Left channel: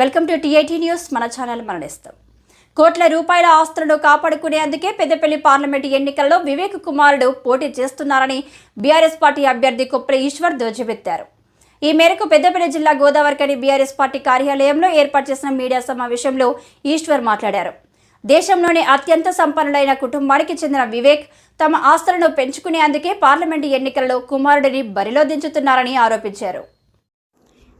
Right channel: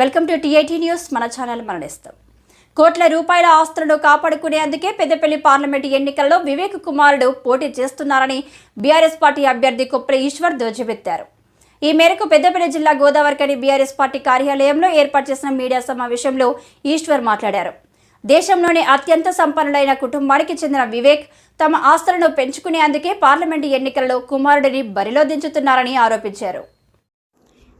Welcome to TIT news. మన channel మరణిస్తాం. కోట్ల రూపాయల ఆస్తులను కాపాడుకునేందుకే పెద్దపల్లి పార్లమెంటు ఎన్నికల్లో వివేక్ కుమారుడు పోటీ చేస్తున్నారని బీఆర్ఎస్ పార్టీ అభ్యర్థి కొప్ర ఈశ్వర్ ధ్వజమెత్తారు ఈ మేరకు పెద్దపల్లి జిల్లా గోదావరికని బీఆర్ఎస్ పార్టీ కార్యాలయంలో ఏర్పాటు చేసిన మీడియా సమావేశంలో ఈశ్వర్ మాట్లాడారు. దేశంలోనే అత్యంత సంపన్నులైన కుటుంబానికి చెందిన వివేక్ తమ ఆస్తులను పెంచుకునేందుకే పార్లమెంటు ఎన్నికల్లో కుమారుడిని బరిలో దించుతున్నారని ఆరోపించారు.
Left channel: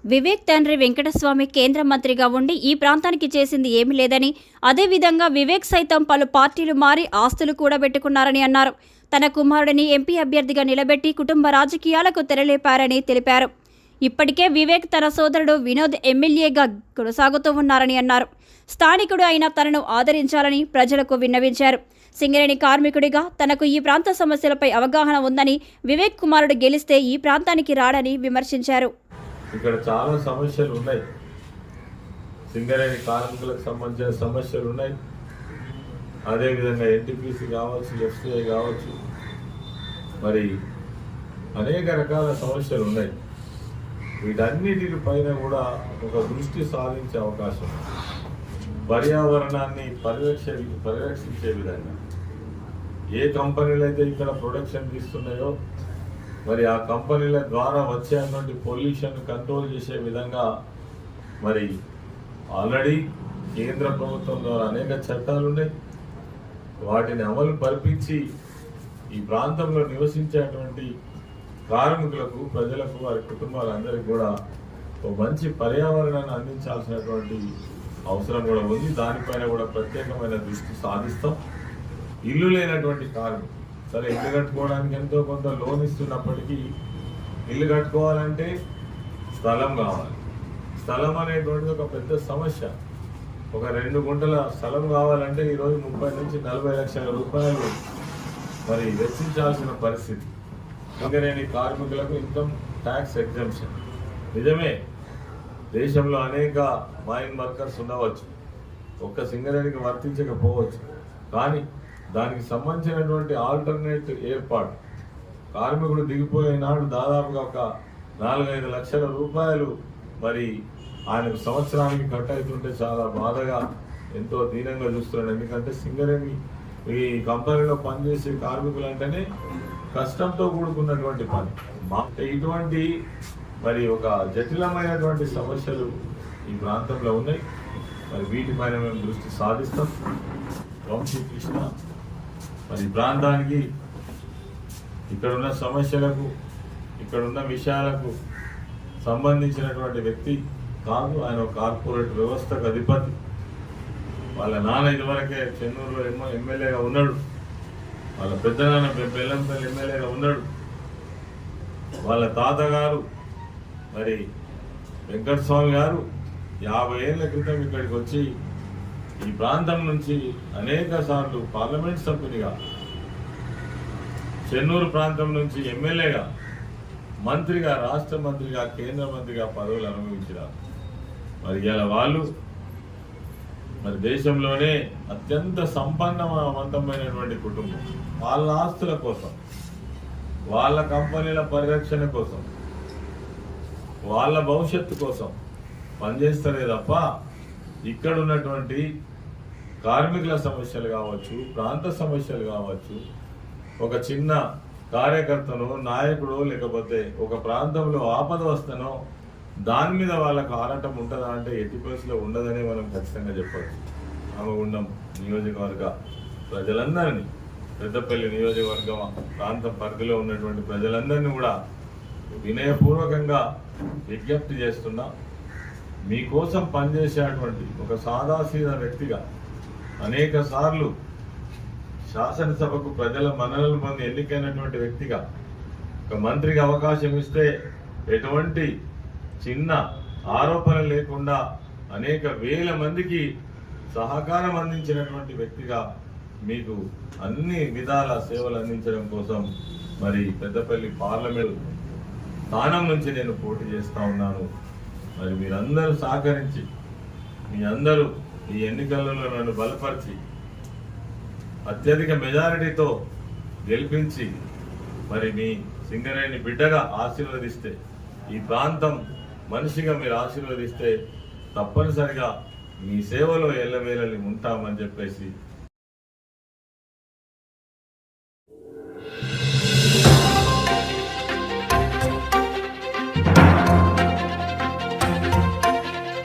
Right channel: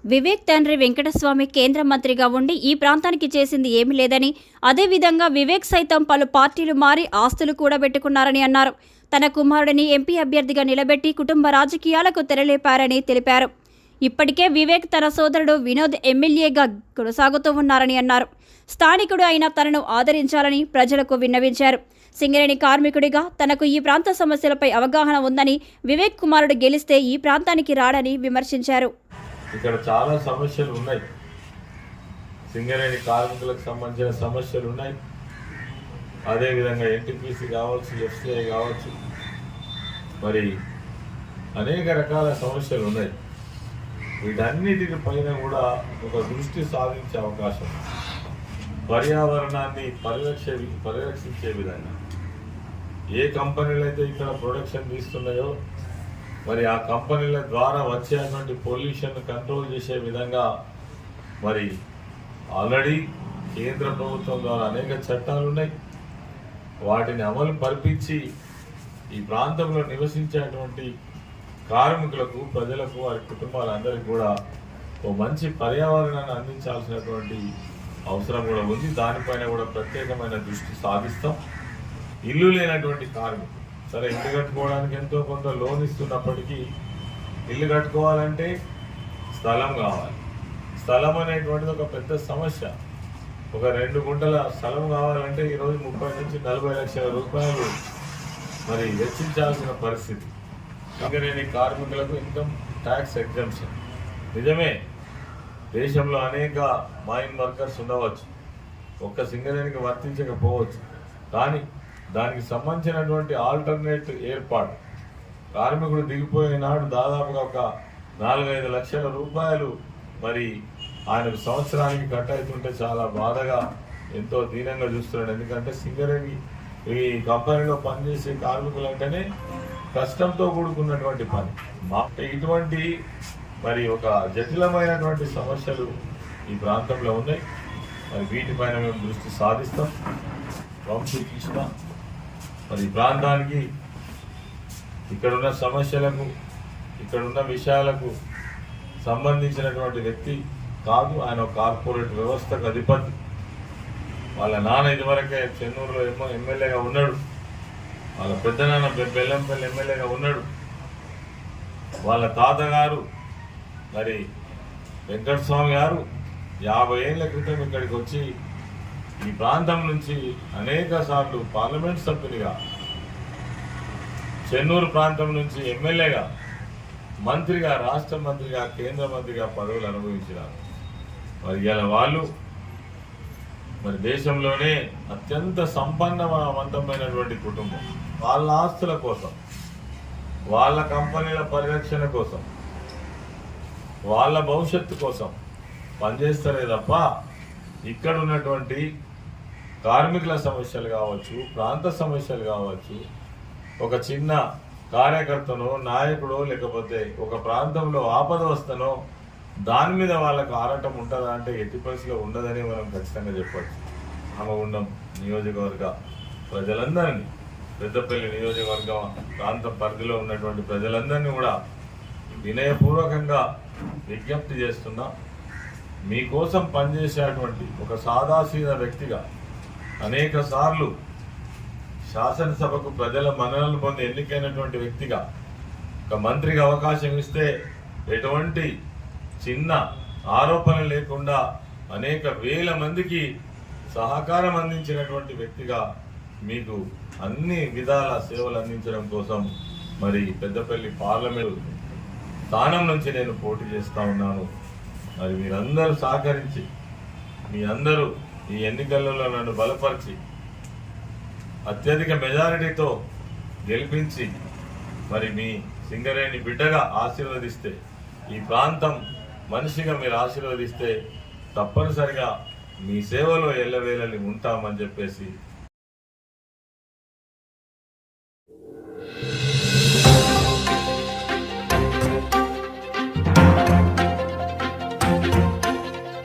వివేక్ తండ్రి వెంకటస్వామి కేంద్ర మంత్రిగా ఉండి ఈ ప్రాంతానికి చేసింది ఏమీ లేదని అదేవిధంగా వివేక్ సైతం పలు పార్టీలు మారి ఆస్తులు కూడబెట్టుకున్నారని అన్నారు. తన కుమారుడిని ఎంపీ అభ్యర్థిగా నిలబెట్టి కుటుంబ రాజకీయాలకు తెరలేపారని తెలిపారు. ఇప్పటికే వివేక్ తన సోదరుడు వినోద్ ఎమ్మెల్యేగా కొనసాగుతూ ఉన్నారని అన్నారు. స్థానికుడు అయిన తనను ఆదరించాలని ప్రజలకు విన్నవించారు. సింగరేణి కార్మికుడిగా తనకు ఈ ప్రాంత సమస్యలపై అవగాహన ఉందని వివేక్ కుమారుడు గెలిస్తే ఈ ప్రాంతానికి రాడని విమర్శించారు. ఇక్కడ చాలా సమస్యలు ఉన్నాయి. సింగరేణి కార్మికులకు సంబంధించిన సమస్యలు ఉన్నాయి. అదేవిధంగా ఎన్టీపీసీ కావచ్చు ఎఫ్సీఐ కావచ్చు. మరి అనేక రకాల సమస్యలు ఉన్నాయి. వీటన్నిటి పైన కూడా ఒక దృష్టి సాధించే అవకాశం పర్యావరణాన్ని పరిరక్ష పరిరక్షించే విధంగా ఏ కంపెనీలు అయితే ఇక్కడ ప్రొడక్షన్ తీస్తున్నాయో మరి ఆ కంపెనీల ద్వారా వచ్చేటువంటి పొల్యూషన్ కంట్రోల్ చేసే విధంగా మరి ఆల్రెడీ కేంద్ర ప్రభుత్వం ద్వారా అనేక చట్టాలు ఉన్నాయి. వాటిని అమలు పరిపించి ఈ ప్రాంతంలో నివసించేటువంటి కార్మికులకు ప్రజలకు వారి కుటుంబాలందరికీ కూడా ఓ మంచి పర్యావరణాన్ని అందించాల్సినటువంటి అవసరం కూడా ఉంది. దానిపైన కూడా ప్రత్యేకమైన దృష్టి సాధిస్తాం. ఇల్లు లేనటువంటి కార్మికులు సరే ఇల్లు కట్టుకోవడానికి ఎంతో కొంత లోన్ ఇస్తున్నప్పటికీ ఇల్లు కట్టుకోవాలంటే స్థలం కావాలి. స్థలం అనేటువంటిది ఒక పెద్ద సమస్య. ఒక రెండు గుంటల స్థలం కావాలంటే ఈరోజు ముప్పై నుంచి నలభై లక్షల రూపాయలు మరి వెచ్చించాల్సిన పరిస్థితి. సింగరేణి కార్మికులకు ఇన్కమ్ ట్యాక్స్ ఎగ్జంప్షన్. నిజమే దేశంలో అనేక మైన్ వర్కర్స్ ఉండవచ్చు. ఒక్క సింగరేణికి వర్తించకపోవచ్చు. కానీ దానికి సంబంధించినటువంటి ఆల్టర్నేట్ ఏర్పాటు. కార్మికుడు దిగిపోయిన నాడు దాదాపుగా ఒక నాలుగైదు లక్షల రూపాయలు మరి ఆయనకు సంవత్సరానికి కట్ అవుతుంటే చాలా బాధగా ఎంతో దీనంగా చూస్తున్నాడు. ఎందుకంటే సింగరేణి ఈ కంపెనీలో పనిచేసే కార్మికులు అంటేనే కష్టంతో కూడుకున్నటువంటి పని. మా ఇటువంటి మరి ఒక జటిలమైనటువంటి సమస్యలు ఈ ప్రాంతంలో ఉన్నాయి. మరి వీటిపైన మేము దృష్టి సాధిస్తాం. వంశీకృష్ణ మరి ప్రాంతానికి ప్రాంతానికి ఇక్కడున్న సమస్యలకు ఇక్కడున్న విషయాలకు సంబంధించినటువంటి వ్యక్తి కాదు. ఆయన కార్పొరేట్ వ్యవస్థకు అధిపతి. వాళ్ళ నాన్న ఇదివరకే చెన్నూరులో ఎమ్మె ఎమ్మెల్యేగా ఉన్నాడు. వాళ్ళ పెద్దనాన్న బెల్లంపల్లి ఎమ్మెల్యేగా ఉన్నాడు. వాళ్ళ తాతగారు మరి వెంకటస్వామి గారు యాభై ఏళ్ళ క్రితం ఇక్కడికి వచ్చి ఈ ప్రాంతం నుంచి అనేక సార్లు పార్లమెంట్ సభ్యునిగా చెన్నూరు ప్రాంతం నుంచి ఎమ్మెల్యేగా మంత్రిగా రాష్ట్ర మంత్రిగా కేంద్ర మంత్రిగా పదవులు అనుభవించినారు. మరి ఇలా వాళ్ళు మరి దేశంలోనే అత్యంత సంపన్నవంతమైనటువంటి కుటుంబం. వాళ్ళ ఆస్తుల కోసం వాళ్ళ కంపెనీల పరిరక్షణ కోసం వాళ్ళ భవిష్యత్తు కోసం పనిచేస్తలే తప్ప ఇక్కడ ఉన్నటువంటి కార్మికుల సమస్యలు కావచ్చు ప్రాంత సమస్యలు కావచ్చు ఒక చిన్న కార్యకర్తనో నాయకుడో లేకపోతే ఒక ప్రాంతంలో ఆపద వస్తనో దాని మీద వాళ్ళకు ఆరాటం ఉంటుందా అంటే ఎట్టి పరిస్థితిలో ఉండదని మనం ఖచ్చితంగా చెప్పవచ్చు రామగుండం నియోజకవర్గ ప్రజలందరినీ పెద్దపల్లి నియోజకవర్గ ప్రాంత పరిధిలో ఉన్నటువంటి ప్రజలందరినీ కూడా వినయపూర్వకంగా విజ్ఞప్తి చేస్తున్నా మీకోసం పనిచేసేటువంటి ఒక సాదాసీద వ్యక్తిగా అనేక సార్లు శాసనసభకు ప్రజల మన్ననలు పొంది ఎన్నికైనటువంటి వ్యక్తిగా ఒక మంత్రికి అవకాశం ఇస్తే ఎటువంటి చిన్న ఆరోపణ లేకుండా అనేక వేల మందికి సహకారం అందించినటువంటి వ్యక్తిగా మీకు అన్ని విధాల సేవలు అందించడం కోసం మరి పెద్దపల్లి పార్లమెంటు స్థానం నుంచి నేను పోటీ చేస్తా ఉన్నాను. మరి మీరందరూ సహకరించి మీ అందరూ ఈ ఎన్నికలలో నన్ను బలపరిచి అత్యధిక మెజారిటీతో గెలిపించి మరి మీ సింగరేణి బిడ్డగా ఆశీర్వదిస్తే ఈ ప్రాంతం మనిషిగా మీరు ఆశీర్వదిస్తే తప్పనిసరిగా మీ సేవలో ఎల్లవేళని ఉంటామని చెప్పేసి